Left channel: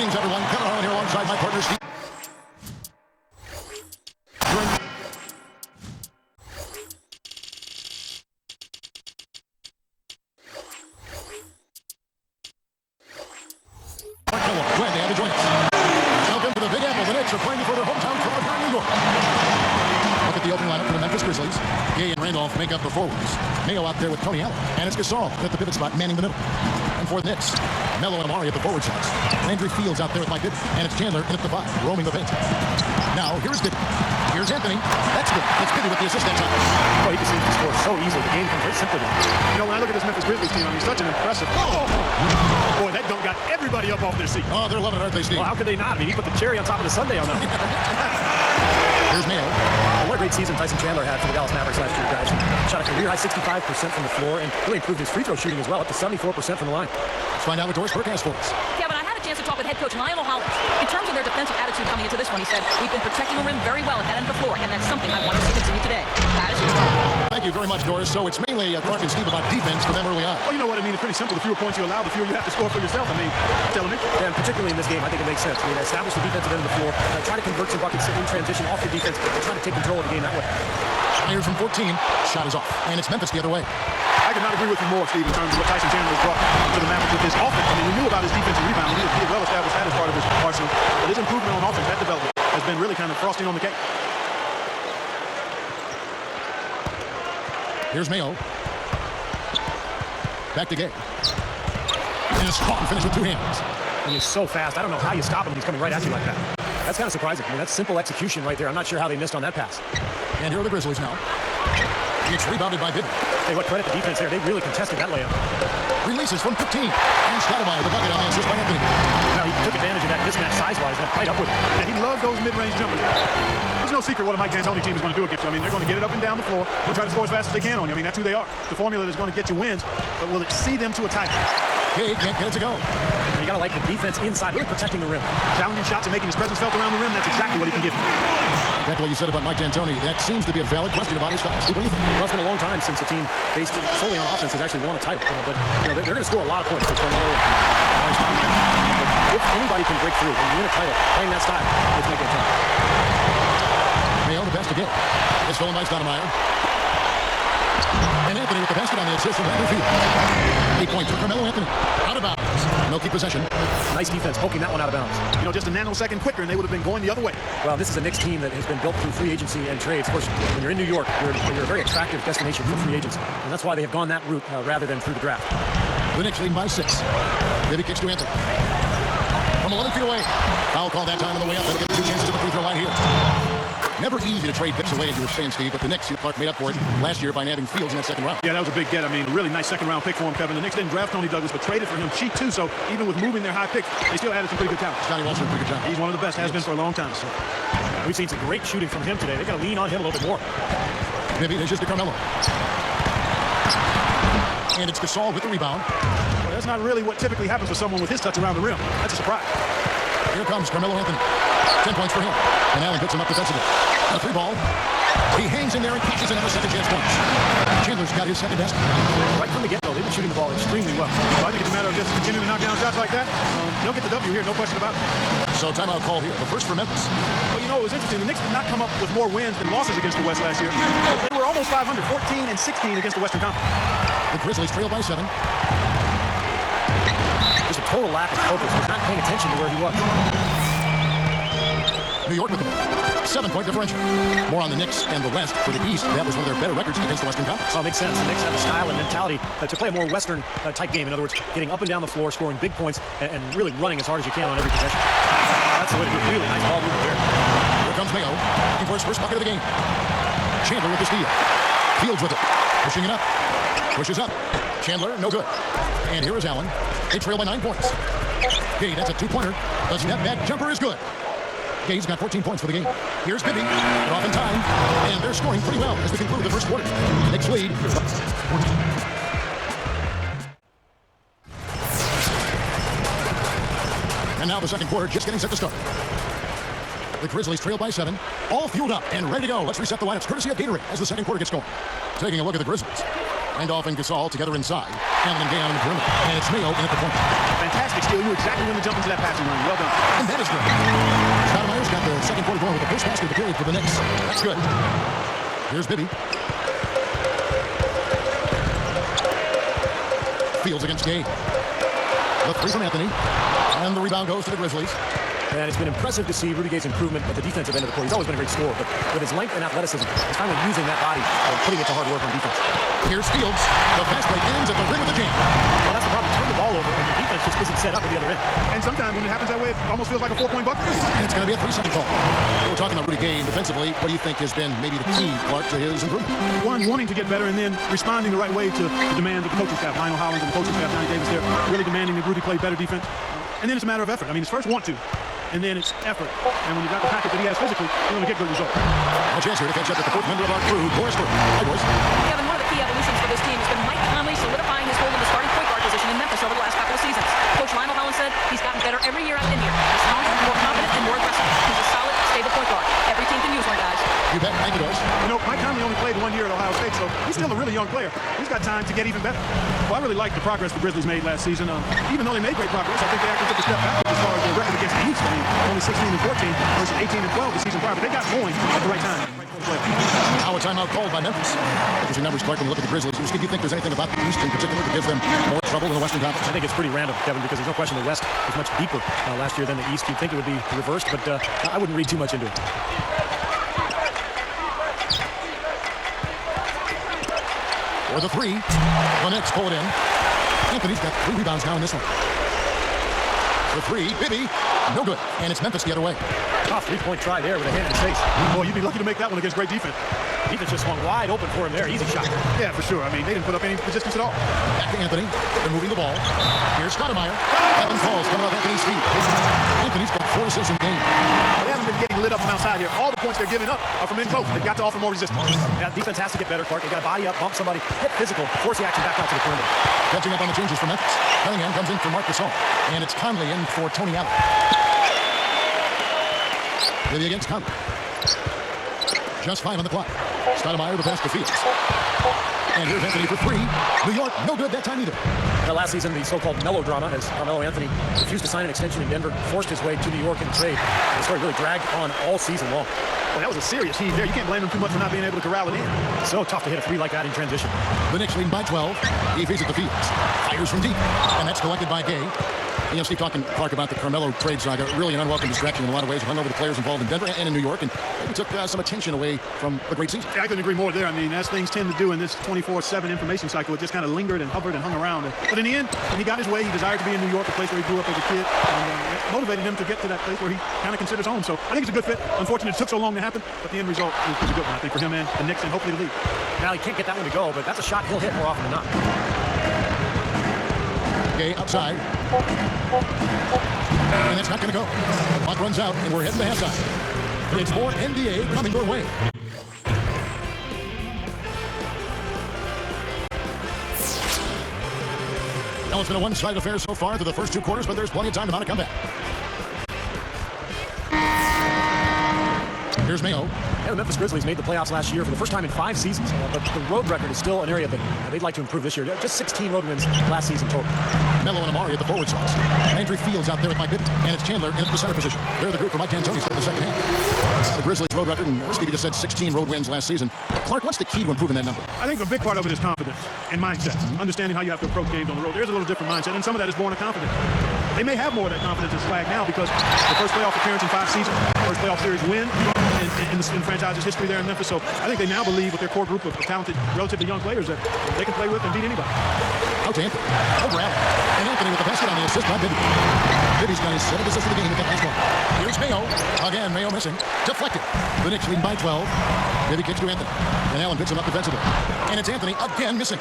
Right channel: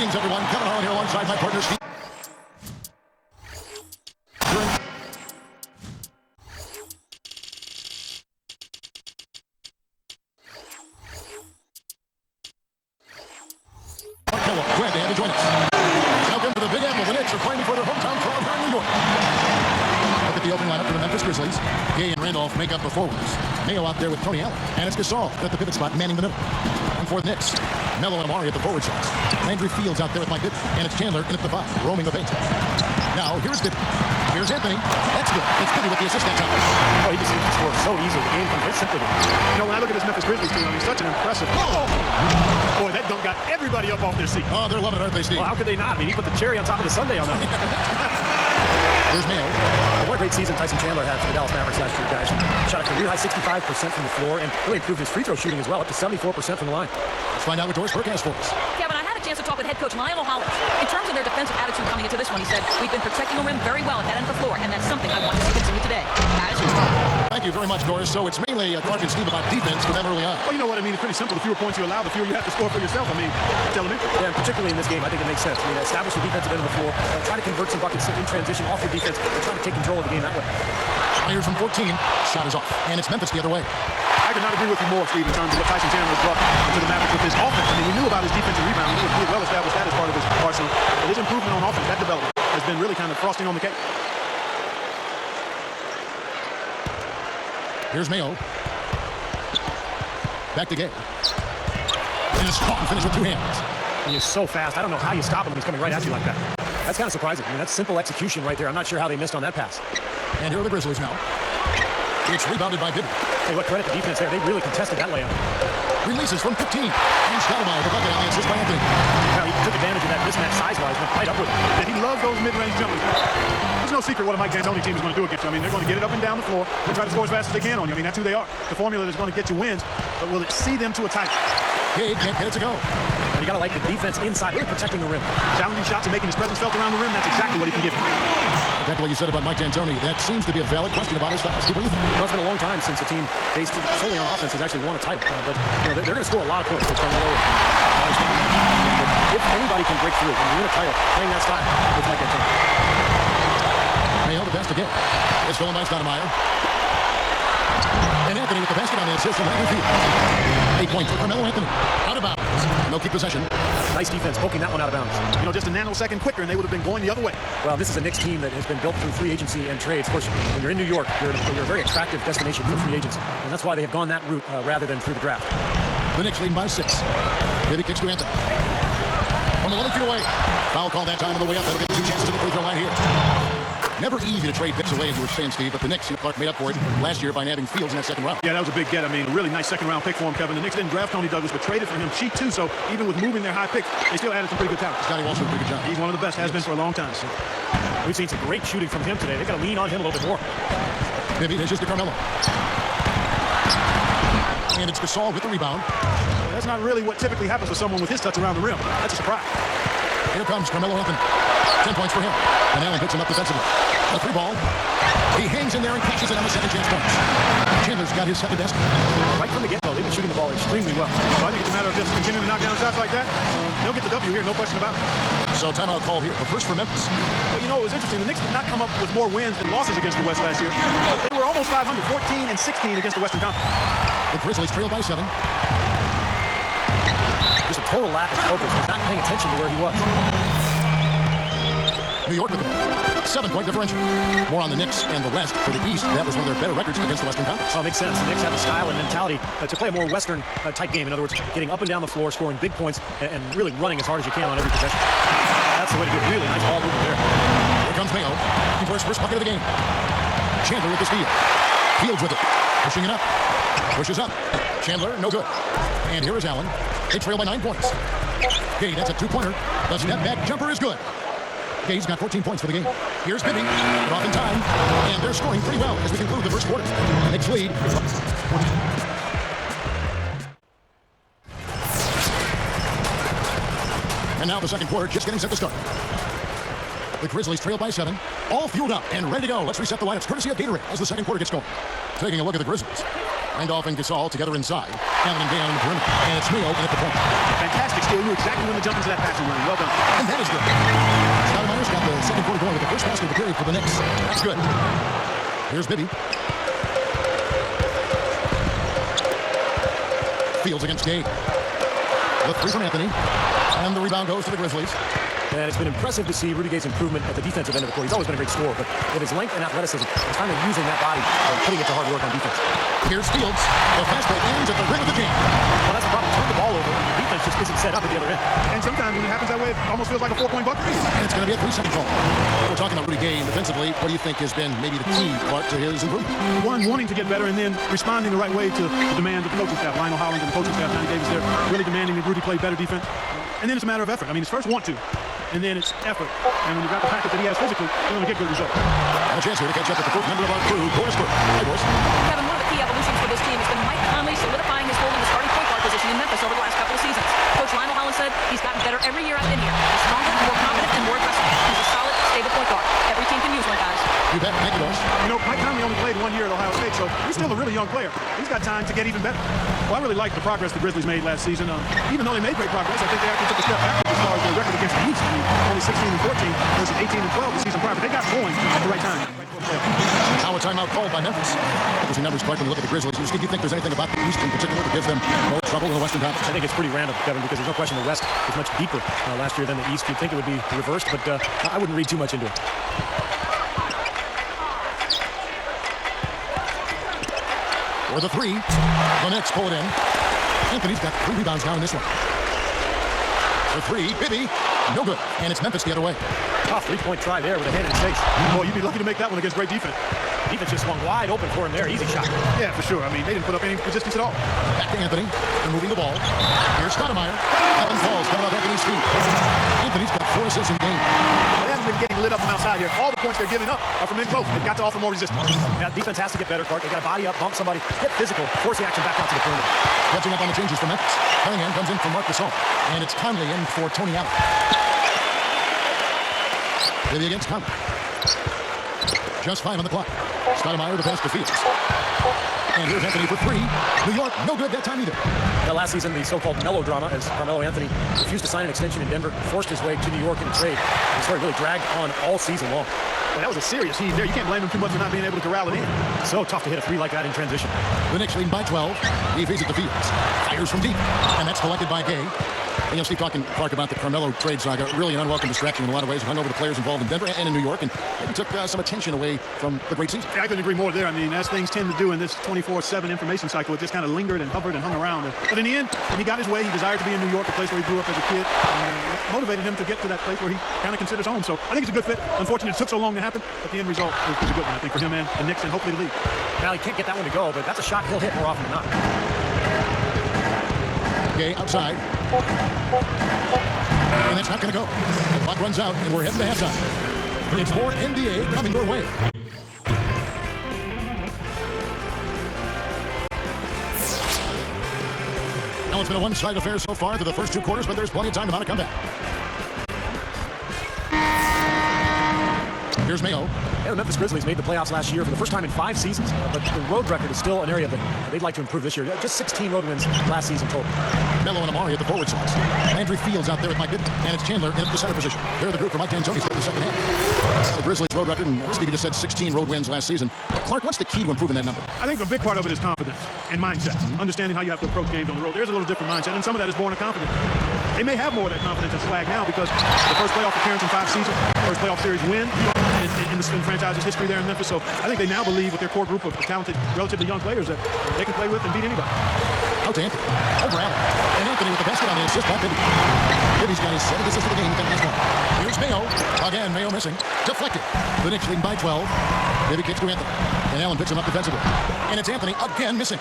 Greetings, everyone. Kevin Harlan here alongside my partner, Steve. Mark Kellogg, glad to have you join us. Welcome to the Big Apple. The Knicks are playing before their hometown crowd here in New York. Look at the opening lineup for the Memphis Grizzlies. Gay and Randolph make up the forwards. Mayo out there with Tony Allen. And it's Gasol at the pivot spot, manning the middle. And for the Knicks, Melo and Amari at the forward slots. Landry Fields out there with Mike Bibby. And it's Chandler in at the 5, roaming the paint. Now, here's Bibby. Here's Anthony. That's good. That's Bibby with the assist that time. Oh, he just seems to score so easily. The game comes very simply to him. You know, when I look at this Memphis Grizzlies team, I mean, such an impressive... Oh! Boy, that dunk got everybody up off their seat. Oh, they're loving it, aren't they, Steve? Well, how could they not? I mean, he put the cherry on top of the sundae on that. Here's Mayo. Well, what a great season Tyson Chandler had for the Dallas Mavericks last year, guys. Shot a career-high 65% from the floor and really improved his free throw shooting as well, up to 74% from the line. Let's find out what Doris Burke has for us. Kevin, I had a chance to talk with head coach Lionel Hollins. In terms of their defensive attitude coming into this one, he said, we've been protecting the rim very well at that end of the floor, and that's something I want us to continue today. That is correct. Thank you very much, Doris. So it's mainly Clark and Steve about defense for them early on. Well, you know what I mean? It's pretty simple. The fewer points you allow, the fewer you have to score for yourself. I mean, that's elementary. Yeah, and particularly in this game, I think it makes sense. I mean, establish the defensive end of the floor, try to convert some buckets in transition off your defense, and try to take control of the game that way. Myers from 14. Shot is off. And it's Memphis the other way. I could not agree with you more, Steve, in terms of what Tyson Chandler has brought to the Mavericks with his offense. I mean, we knew about his defensive rebounding. He had well established that as part of his arsenal. But his improvement on offense, that development, has been really kind of frosting on the cake. Here's Mayo. Back to Gay. And a strong finish with 2 hands. He is so fast. I don't know how you stop him when he's coming right at you like that. That's kind of surprising. I mean, that's simple execution right there. I'm not sure how they missed on that pass. And here are the Grizzlies now. It's rebounded by Bibby. Tell you what, credit the defense there. They really contested that layup. Releases from 15. And Stoudemire, the bucket on the assist by Anthony. Well, he took advantage of that mismatch size-wise, went right up with it. Yeah, he loves those mid-range jumpers. There's no secret what a Mike D'Antoni team is going to do against you. I mean, they're going to get it up and down the floor and try to score as fast as they can on you. I mean, that's who they are. The formula that's going to get you wins, but will it see them to a title? Gay can't get it to go. And you got to like the defense inside, really protecting the rim. Challenging shots and making his presence felt around the rim, that's exactly what he can give you. Back to what you said about Mike D'Antoni, that seems to be a valid question about his style. Steve, what do you think? Well, it's been a long time since a team based solely on offense has actually won a title. But you know, they're going to score a lot of points with Carmelo and Amari Stoudemire. But if anybody can break through and win a title playing that style, it's Mike D'Antoni. Mayo, the pass to Gay. It's stolen by Stoudemire. And Anthony with the basket on the assist from Landry Fields. 8 points for Carmelo Anthony. Out of bounds. And they'll keep possession. Nice defense, poking that one out of bounds. You know, just a nanosecond quicker, and they would have been going the other way. Well, this is a Knicks team that has been built through free agency and trades. Of course, when you're in New York, you're a very attractive destination for free agents. And that's why they have gone that route rather than through the draft. The Knicks leading by 6. Bibby kicks to Anthony. From 11 feet away. Foul call that time on the way up. That'll give them 2 chances at the free throw line here. Never easy to trade picks away, as you were saying, Steve, but the Knicks, Clark made up for it last year by nabbing Fields in that second round. Yeah, that was a big get. I mean, a really nice second-round pick for him, Kevin. The Knicks didn't draft Tony Douglas, but traded for him cheap, too, so even with moving their high picks, they still added some pretty good talent. Scotty Walsh did a pretty good job. He's one of the best, has been for a long time. Sir. We've seen some great shooting from him today. They've got to lean on him a little bit more. Bibby dishes to Carmelo. And it's Gasol with the rebound. Well, that's not really what typically happens for someone with his touch around the rim. That's a surprise. Here comes Carmelo Anthony. 10 points for him. And Allen picks him up defensively. A 3 ball. He hangs in there and cashes in on the second chance points. Chandler's got his second best. Right from the get-go, they've been shooting the ball extremely well. Well, I think it's a matter of just continuing to knock down shots like that. They'll get the W here, no question about it. So timeout call here. The first for Memphis. Well, you know, it was interesting. The Knicks did not come up with more wins than losses against the West last year. They were almost 500, 14 and 16 against the Western Conference. The Grizzlies trail by 7. Just a total lack of focus. Was not paying attention to where he was. New York with the ball. 7-point differential. More on the Knicks and the West. For the East, that was one of their better records against the Western Conference. Well, it makes sense. The Knicks have the style and mentality to play a more Western type game. In other words, getting up and down the floor, scoring big points, and really running as hard as you can on every possession. That's the way to do it. Really nice ball movement there. Here comes Mayo, looking for his first bucket of the game. Chandler with the steal. Fields with it. Pushing it up. Pushes up. Chandler, no good. And here is Allen. They trail by 9 points. Gay, that's a 2-pointer. The step back jumper is good. Gay's got 14 points for the game. Here's Bibby. They're off in time. And they're scoring pretty well as we conclude the first quarter. Knicks lead. And now the second quarter just getting set to start. The Grizzlies trail by 7. All fueled up and ready to go. Let's reset the lineups courtesy of Gatorade as the second quarter gets going. Taking a look at the Grizzlies. Randolph and Gasol together inside. Allen and Gay on the perimeter. And it's Mayo in at the point. Fantastic steal. He knew exactly when to jump into that passing lane. Well done. And that is good. Stoudemire's got the second quarter going with the first basket of the period for the Knicks. That's good. Here's Bibby. Fields against Gay. The three from Anthony. And the rebound goes to the Grizzlies. And it's been impressive to see Rudy Gay's improvement at the defensive end of the court. He's always been a great scorer, but with his length and athleticism, he's finally using that body and putting it to hard work on defense. Here's Fields. The fast break ends at the rim with a jam. Well, that's the problem. You turn the ball over, and your defense just isn't set up at the other end. And sometimes when it happens that way, it almost feels like a 4-point bucket. And it's going to be a 3-second call. We're talking about Rudy Gay defensively. What do you think has been maybe the key, Clark, to his improvement? One, wanting to get better, and then responding the right way to the demands of the coaching staff. Lionel Hollins and the coaching staff, Johnny Davis, they're really demanding that Rudy play better defense. And then it's a matter of effort. I mean, it's first want to, and then it's effort. And when you've got the package that he has physically, you're going to get good results. And a chance here to catch up with the fourth member of our crew, Doris Burke. Hi, Doris. Kevin, one of the key evolutions for this team has been Mike Conley solidifying his hold in the starting point guard position in Memphis over the last couple of seasons. Coach Lionel Hollins said he's gotten better every year I've been here. He's stronger, more confident, and more aggressive. He's a solid, stable point guard. Every team can use one, guys. You bet. Thank you, Doris. You know, Mike Conley only played 1 year at Ohio State, so he's still a really young player. He's got time to get even better. Well, I really like the progress the Grizzlies made last season. Even though they made great progress, I think they actually took a step backwards as far as their record against the East. I mean, only 16-14 versus 18-12 the season prior, but they got going at the right time, right before the playoffs. Now a timeout called by Memphis. Interesting numbers, Clark, when you look at the Grizzlies. Do you think there's anything about the East in particular that gives them more trouble in the Western Conference? I think it's pretty random, Kevin, because there's no question the West was much deeper last year than the East. You'd think it would be reversed, but I wouldn't read too much into it. For the three, the Knicks pull it in. Anthony's got 3 rebounds now in this one. For 3, Bibby, no good. And it's Memphis the other way. Tough three-point try there with a hand in his face. Boy, you'd be lucky to make that one against great defense. The defense just swung wide open for him there. Easy shot. Yeah, for sure. I mean, they didn't put up any resistance at all. Back to Anthony. They're moving the ball. Here's Stoudemire. Evan falls coming off Anthony's feet. Anthony's got 4 assists in the game. Well, they haven't been getting lit up from outside here. All the points they're giving up are from in close. They've got to offer more resistance. Yeah, defense has to get better, Clark. They got to body up, bump somebody, get physical, force the action back out to the perimeter. Catching up on the changes for Memphis. Cunningham comes in for Marc Gasol. And it's Conley in for Tony Allen. Bibby against Conley. Just 5 on the clock. Stoudemire the pass to Fields. And here's Anthony for 3. New York, no good that time either. Now, last season, the so-called melodrama, as Carmelo Anthony refused to sign an extension in Denver, forced his way to New York in a trade. The story really dragged on all season long. Well, that was a serious heave there. You can't blame him too much for not being able to corral it in. So tough to hit a 3 like that in transition. The Knicks leading by 12. He feeds it to Fields. Fires from deep. And that's collected by Gay. You know, Steve, talking, Clark, about the Carmelo trade saga, really an unwelcome distraction in a lot of ways. It hung over the players involved in Denver and in New York, and maybe took some attention away from the great season. I couldn't agree more there. I mean, as things tend to do in this 24/7 information cycle, it just kind of lingered and hovered and hung around. But in the end, when he got his way, he desired to be in New York, a place where he grew up as a kid, and that motivated him to get to that place where he kind of considers home. So I think it's a good fit. Unfortunately, it took so long to happen, but the end result is a good one, I think, for him and the Knicks and hopefully the league. Now, he can't get that one to go, but that's a shot he'll hit more often than not. Gay outside. And that's not going to go. The clock runs out, and we're heading to halftime. It's more NBA coming your way. Now, it's been a one-sided affair so far through the first 2 quarters, but there's plenty of time to mount a comeback. Here's Mayo. Yeah, the Memphis Grizzlies made the playoffs last year for the first time in 5 seasons, but the road record is still an area that they'd like to improve this year. Just 16 road wins last season total. Melo and Amari at the forward slots. Landry Fields out there with Mike Bibby, and it's Chandler in at the center position. They're the group for Mike D'Antoni start the second half. Now the Grizzlies' road record, and Stevie just said 16 road wins last season. Clark, what's the key to improving that number? I think a big part of it is confidence and mindset. Understanding how you have to approach games on the road. There's a little different mindset, and some of that is born of confidence. They may have more of that confidence as Slag now because the first playoff appearance in 5 seasons, first playoff series win in the franchise's history there in Memphis. So I think they now believe with their core group of talented, relatively young players that they can play with and beat anybody. Out to Anthony. Over Allen. And Anthony with the basket on the assist by Bibby. Bibby's got his 7th assist of the game with that last one. Here's Mayo. Again, Mayo missing. Deflected. The Knicks leading by 12. Bibby kicks to Anthony. And Allen picks him up defensively. And it's Anthony again missing.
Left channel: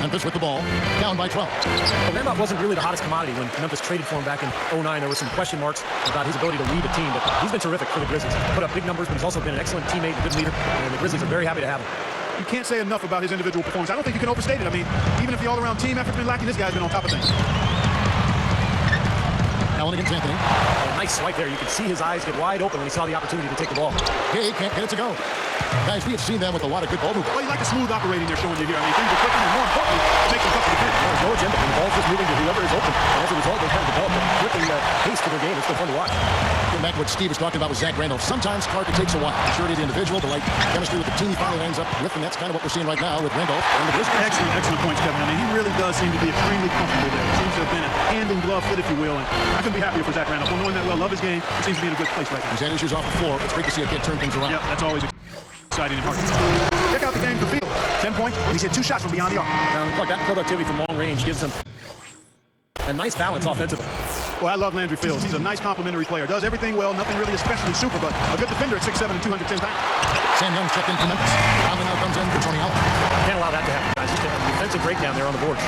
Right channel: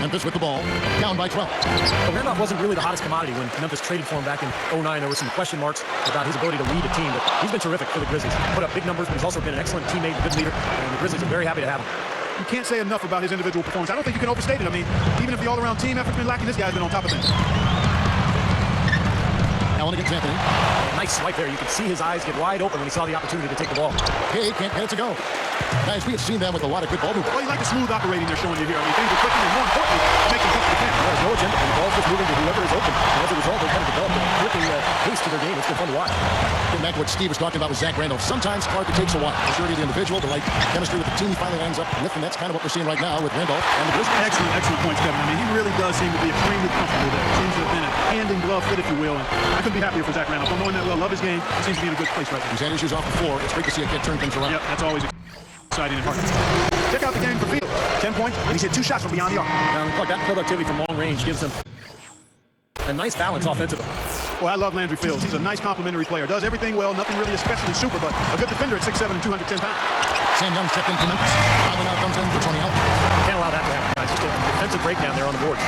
Memphis with the ball, down by 12. Well, Randolph wasn't really the hottest commodity when Memphis traded for him back in 09. There were some question marks about his ability to lead a team, but he's been terrific for the Grizzlies. He's put up big numbers, but he's also been an excellent teammate, a good leader, and the Grizzlies are very happy to have him. You can't say enough about his individual performance. I don't think you can overstate it. I mean, even if the all-around team effort's been lacking, this guy's been on top of things. Allen against Anthony. And nice swipe there. You could see his eyes get wide open when he saw the opportunity to take the ball. Gay can't get it to go. Guys, we have seen them with a lot of good ball movement. Well, you like the smooth operating they're showing you here. I mean, things are clicking, and more importantly, it makes them tough to defend. There's no agenda. When the ball's just moving to whoever is open. And as a result, they've kind of developed a clicking pace to their game. It's been fun to watch. Getting back to what Steve was talking about with Zach Randolph, sometimes, Clark, it takes a while. The surety of the individual, the right chemistry with the team he finally lands up with, and that's kind of what we're seeing right now with Randolph and the Grizzlies. Excellent points, Kevin. I mean, he really does seem to be extremely comfortable there. It seems to have been a hand-in-glove fit, if you will, and I couldn't be happier for Zach Randolph. Don't know him that well, love his game. He seems to be in a good place right now. He's had issues off the floor. It's great to see a kid turn things around. Yep, that's always exciting and hard. Check out the game for Fields. 10 points, and he's hit 2 shots from beyond the arc. Now, Clark, that productivity from long range gives them a nice balance offensively. Well, I love Landry Fields. He's a nice complimentary player. Does everything well, nothing really especially super, but a good defender at 6'7" and 210 pounds. Sam Young's checked in for Memphis. Conley now comes in for Tony Allen. Can't allow that to happen, guys. Just a defensive breakdown there on the boards.